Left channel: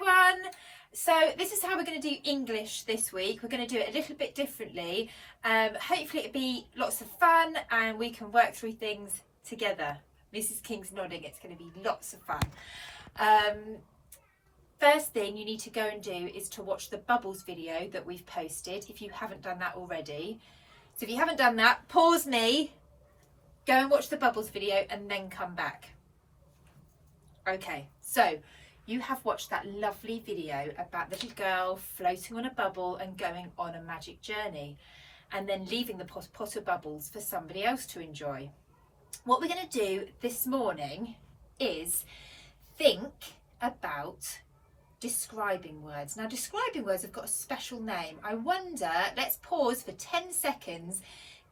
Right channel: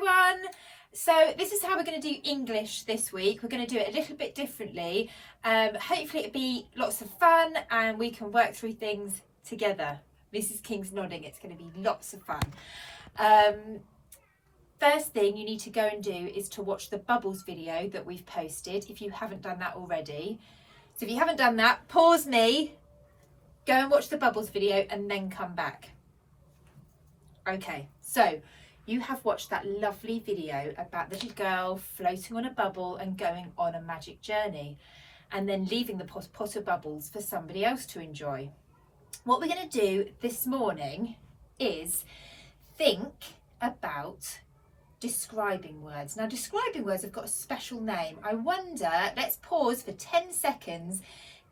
everyone. So this is how we're going to do English this week. We're going to do it a little bit differently. Hopefully it'll be lots of fun and we can work through things together. Mrs. King's nodding. It's going to be lots of fun. First thing you need to go and do is to watch the bubbles video that we've posted if you haven't done that already. So if you haven't done that, pause me, go and watch the bubbles video and then come back. Okay, so you have watched that lovely video about the little girl floating on a bubble and going on a magic journey and then leaving the pot of bubbles for somebody else to enjoy. What we're going to do this morning is think about describing words. Now, describing words have got a special name. I wonder, let's pause for 10 seconds.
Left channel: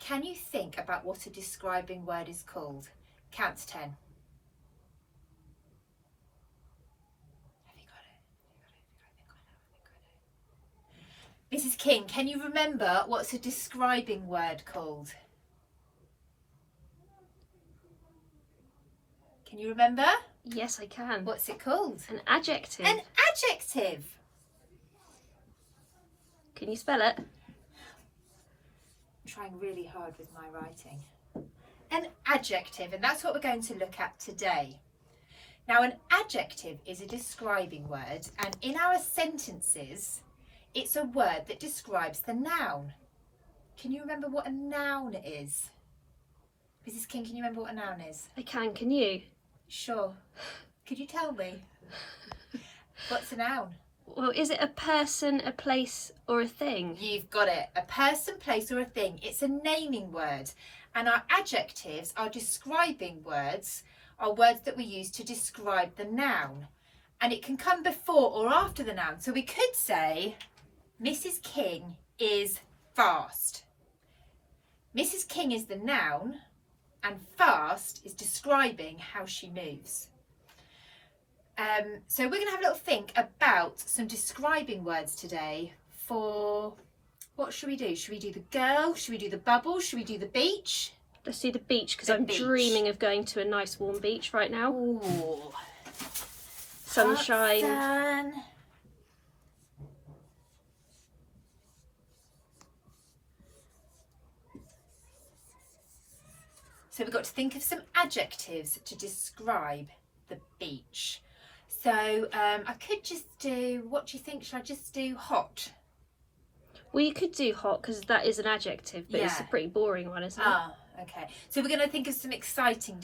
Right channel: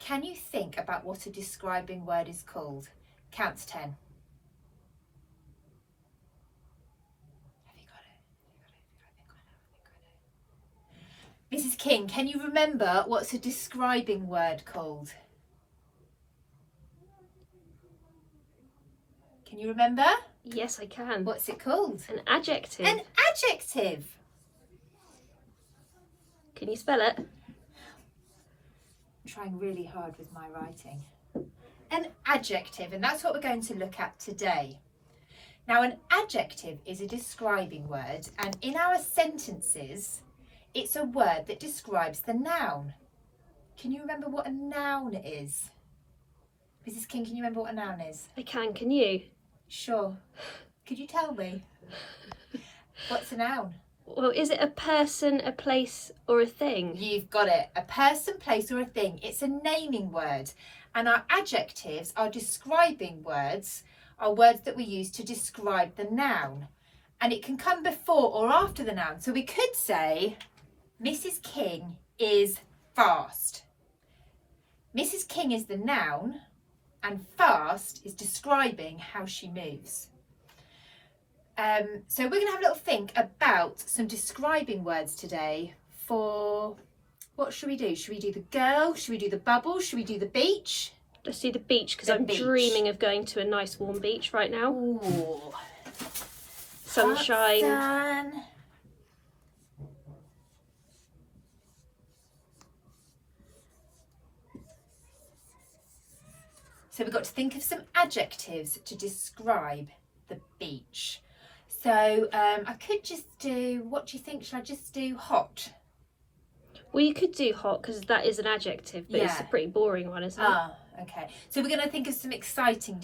Can you think about what a describing word is called? Count to 10. Mrs. King, can you remember what's a describing word called? Can you remember? Yes, I can. What's it called? An adjective. An adjective. Can you spell it? I'm trying really hard with my writing. An adjective, and that's what we're going to look at today. Now, an adjective is a describing word, and in our sentences, it's a word that describes the noun. Can you remember what a noun is? Mrs. King, can you remember what a noun is? I can you? Sure. Could you tell me? What's a noun? Well, is it a person, a place, or a thing? You've got it. A person, place, or a thing. It's a naming word. And our adjectives, our describing words, are words that we use to describe the noun. And it can come before or after the noun. So we could say, Mrs. King is fast. Mrs. King is the noun, and fast is describing how she moves. So we're going to have a little think about some describing words today for, what should we do? Should we do the girl? Should we do the bubble? Should we do the beach? Let's do the beach, because I'm dreaming of going to a nice warm beach right now. Ooh. Sunshine. Sun. So we've got to think of some adjectives to describe the beach. So I could just do, what do you think? Should I just do hot? Well, you could do hot, because that is an adjective, but it's a pretty boring one, isn't it? Ah, okay. So we're going to think of some exciting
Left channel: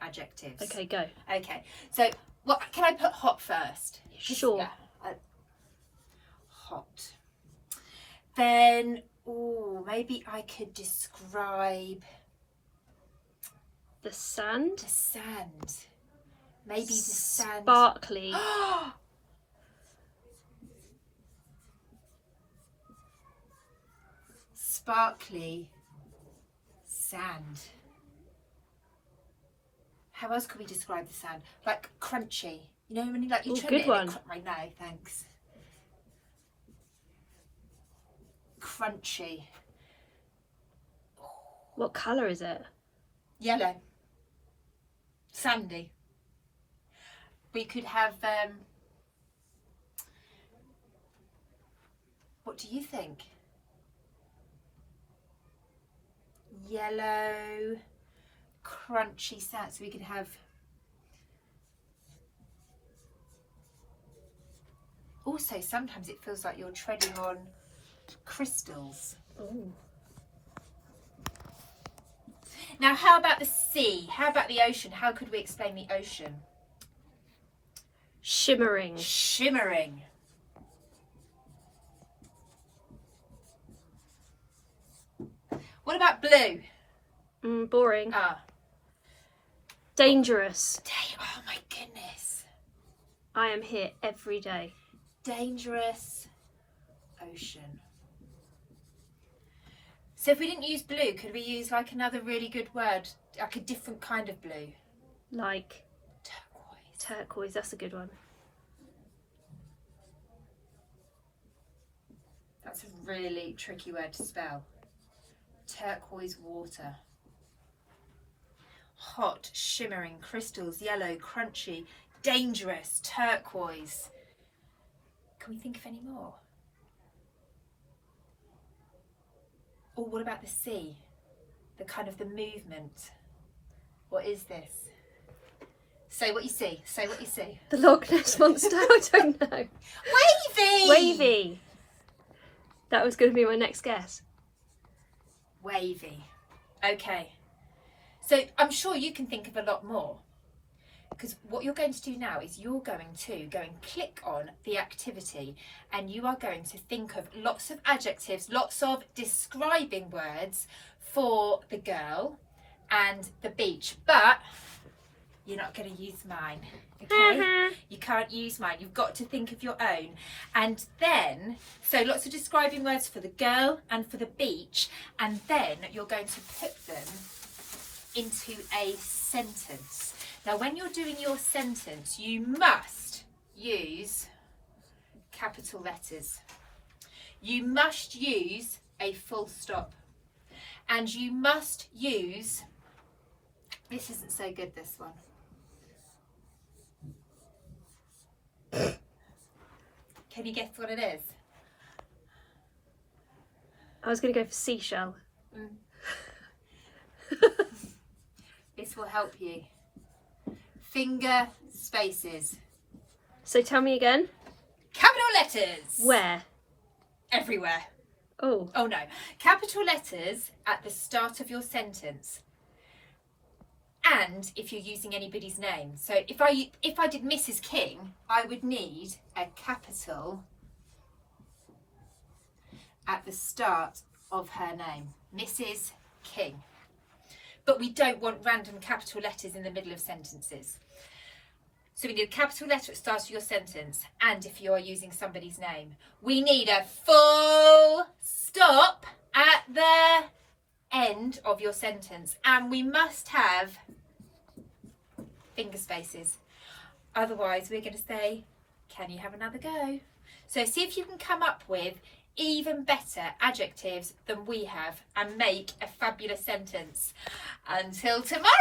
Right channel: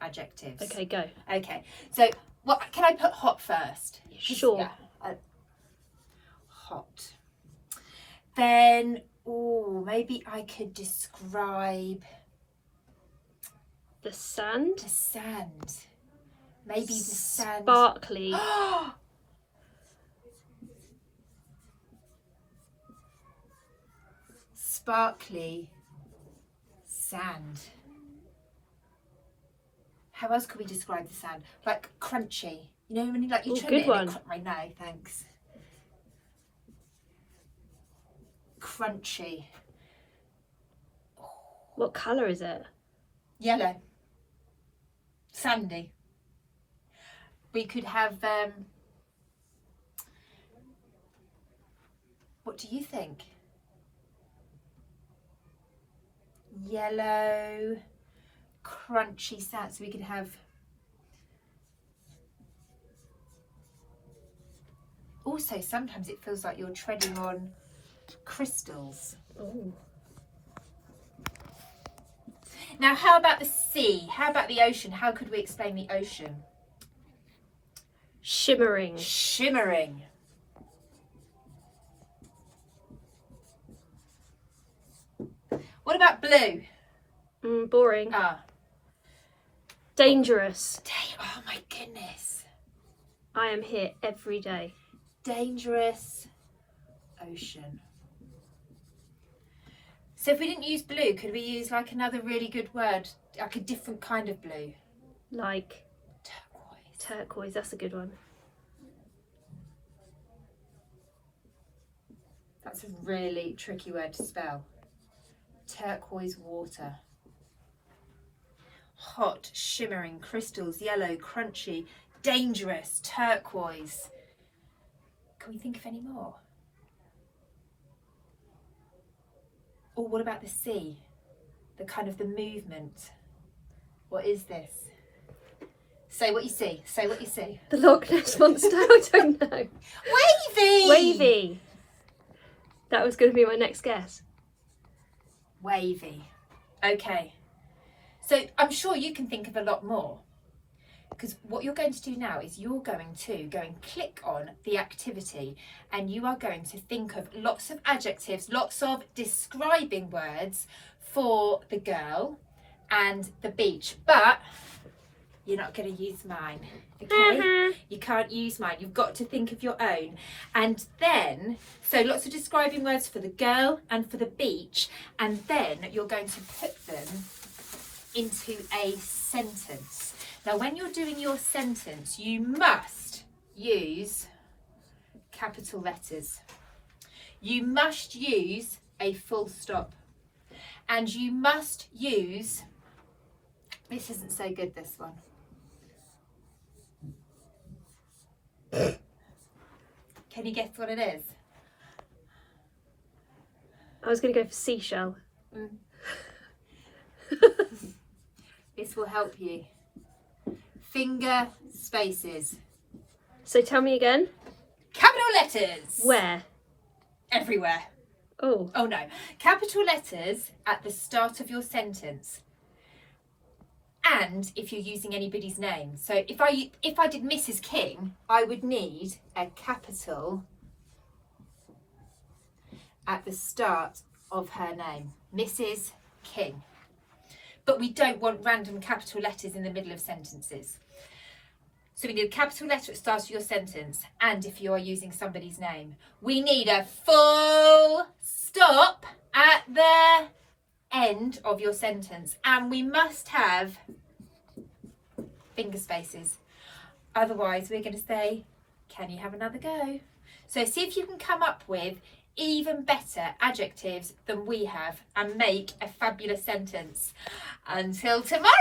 adjectives. Okay, go. Okay. So what can I put hot first? Sure. Yeah, hot. Then, maybe I could describe the sand. the sand. Maybe the sand. Sparkly. Sparkly sand. How else could we describe the sand? Like crunchy. You know when you trim good it one. and I know, thanks. Crunchy. What colour is it? Yellow. Sandy. We could have what do you think? Yellow, crunchy sand. So we could have also sometimes it feels like you're treading on crystals. Ooh. Now, how about the sea? How about the ocean? How could we explain the ocean? Shimmering. Shimmering. What about blue? Boring. Ah. Dangerous. Oh my goodness. I am here every day. Dangerous ocean. So if we didn't use blue, could we use like another really good word, like a different kind of blue? Like Turquoise. turquoise, that's a good one. That's a really tricky word to spell. Turquoise water. Hot, shimmering, crystals, yellow, crunchy, dangerous, turquoise. Can we think of any more? Or what about the sea? The kind of the movement. What is this? Say what you see. Say what you see. The Loch Ness Monster. I don't know. Wavy! Wavy. That was going to be my next guess. Wavy. Okay. So I'm sure you can think of a lot more. Because what you're going to do now is you're going to go and click on the activity, and you are going to think of lots of adjectives, lots of describing words for the girl and the beach. But you're not going to use mine, okay? You can't use mine. You've got to think of your own. And then, so lots of describing words for the girl and for the beach, and then you're going to put them into a sentence. Now, when you're doing your sentence, you must use capital letters. You must use a full stop. And you must use, this isn't so good, this one. Can you guess what it is? I was going to go for seashell. This will help you. Finger spaces. So tell me again. Capital letters. Where? Everywhere. Oh. Oh no. Capital letters at the start of your sentence. And if you're using anybody's name. So if I did Mrs. King, I would need a capital at the start of her name. Mrs. King. But we don't want random capital letters in the middle of sentences. So we need a capital letter at the start of your sentence, and if you are using somebody's name. We need a full stop at the end of your sentence, and we must have finger spaces. Otherwise, we're going to say, can you have another go? So see if you can come up with even better adjectives than we have and make a fabulous sentence. Until tomorrow!